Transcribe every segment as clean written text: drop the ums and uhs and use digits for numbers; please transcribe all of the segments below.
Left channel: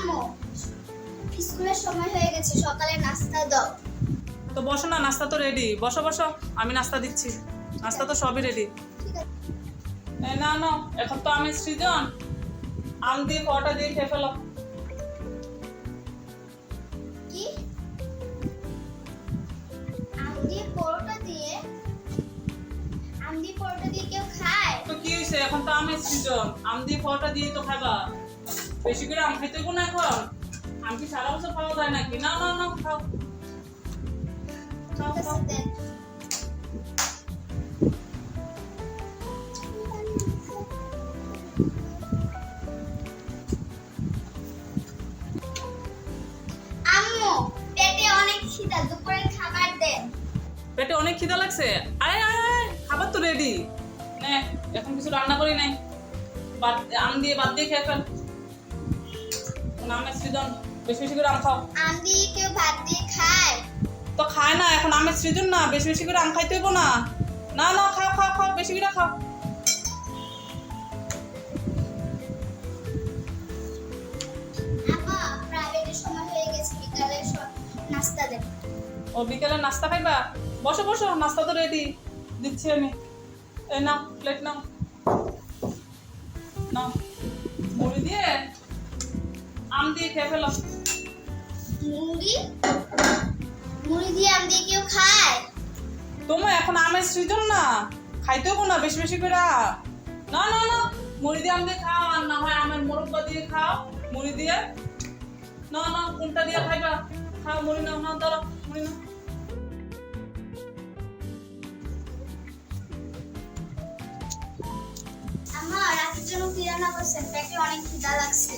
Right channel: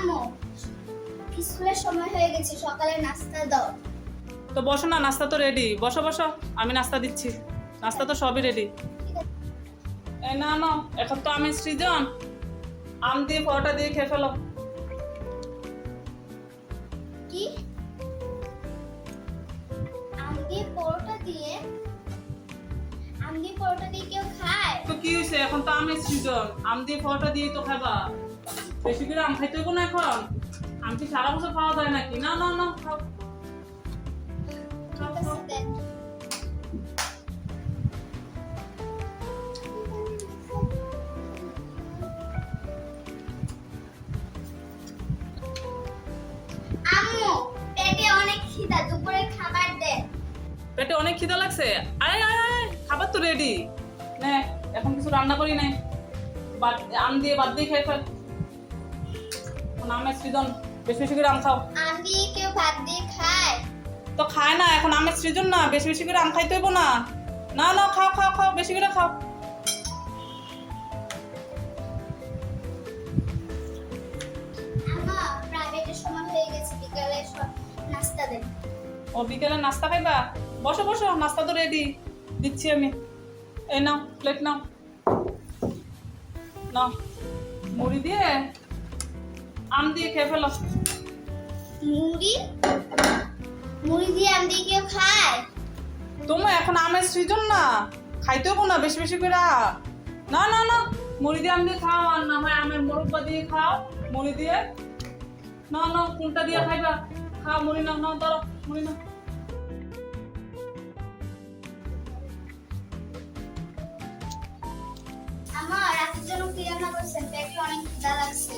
আম্মু স্কুলের সময় হয়ে গেছে, সকালে নাস্তা দাও। তো বসো না, নাস্তা তো রেডি। বসো বসো, আমি নাস্তা দিচ্ছি। নাস্তা তো সবই রেডি। ঠিক আছে। এই না না, এখন তো আমি সৃজন আম দিয়ে পরোটা দিয়ে খেয়ে ফেলো। কি আম দিয়ে পরোটা দিয়ে? আম দিয়ে পরোটা দিয়ে কেউ খায়? তো কি হয়েছে, এখন তো আমি সৃজন আম দিয়ে পরোটা দিয়ে তো খাবা। বেশি করে আম খাইতে হইব না এখন। আম কি সারা বছর খাওয়া যায় নাকি? না না না, খাও। ঠিক আছে দেন। আম্মু পেটে অনেক খিদা, দুপুরে খাবার দেন। পেটে অনেক খিদা লাগছে? আয় আয় আয়, খাবার তো রেডি। নে, এখন কিছু রান্না করি নাই। আম দিয়ে বাদ দিয়ে খেয়ে ফেল। এখন আমের সৃজন, বেশি বেশি করে আম খাও। আম দিয়ে কেউ ভাত দিয়ে খায়? তো খায় না, এখন আমের সৃজন না, বেশি বেশি করে আম খাইতে হইব না। না না, খাও খাও খাও, বেশি করে খাও। আম্মা প্রাইভেটের সময় হয়ে গেছে, বিকালে নাস্তা দেন। ও বিকেলে নাস্তা খাইবা? বসো বসো, নাস্তা তো রেডি, দিচ্ছি আমি। এই নাও, প্লেট নাও। নাও, মুড়ি দিয়ে আম দিয়ে খেয়ে ফেলো। মুড়ি? মুড়ি দিয়ে আম দিয়ে কেউ খায়? তোমার এখন আমের সৃজন না, খাইতে হবো না বেশি বেশি করে। না না না, মুড়ি দিয়ে আম দিয়ে খাও, আর না হয় আমের মোরব্বা দিয়ে খাও। মুড়ি দিয়ে না না, কোনটা দিয়ে খাইবা? খাও মুড়ি, নাও নাও, ধরো মুড়ি নাও। আম্মা রাতের জন্য কি রান্না করছেন? পেটে অনেক খিদা লাগছে।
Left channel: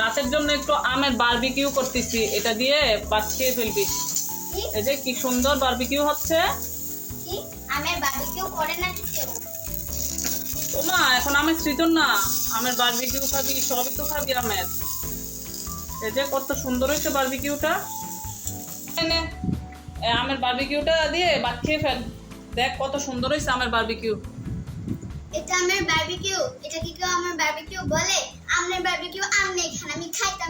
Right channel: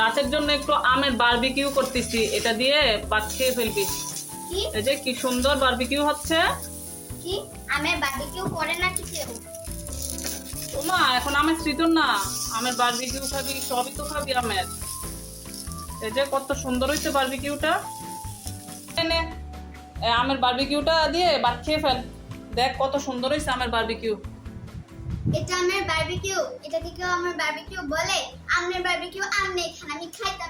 রাতের জন্য একটু আমের বারবিকিউ করতেছি, এটা দিয়ে ভাত খেয়ে ফেলবি। কি এই যে কি সুন্দর বারবিকিউ হচ্ছে। কি আমের বারবিকিউ করে নাকি কেউ? ওমা, এখন আমের সৃজন না, আমের বারবিকিউ খাবি, সবই তো খাবি আমের। এই যে কত সুন্দর হয়েছে বারবিকিউটা। এনে আমের বারবিকিউটা দিয়ে ভাত খেয়ে ফেল। দেখ কত সুন্দর হয়েছে আমের বারবিকিউ। এটা আমের বারবিকিউ? এটা কি কেউ আমার বারবিকিউ বলে? আমের বারবিকিউ আমনে খান, আমি খাইতে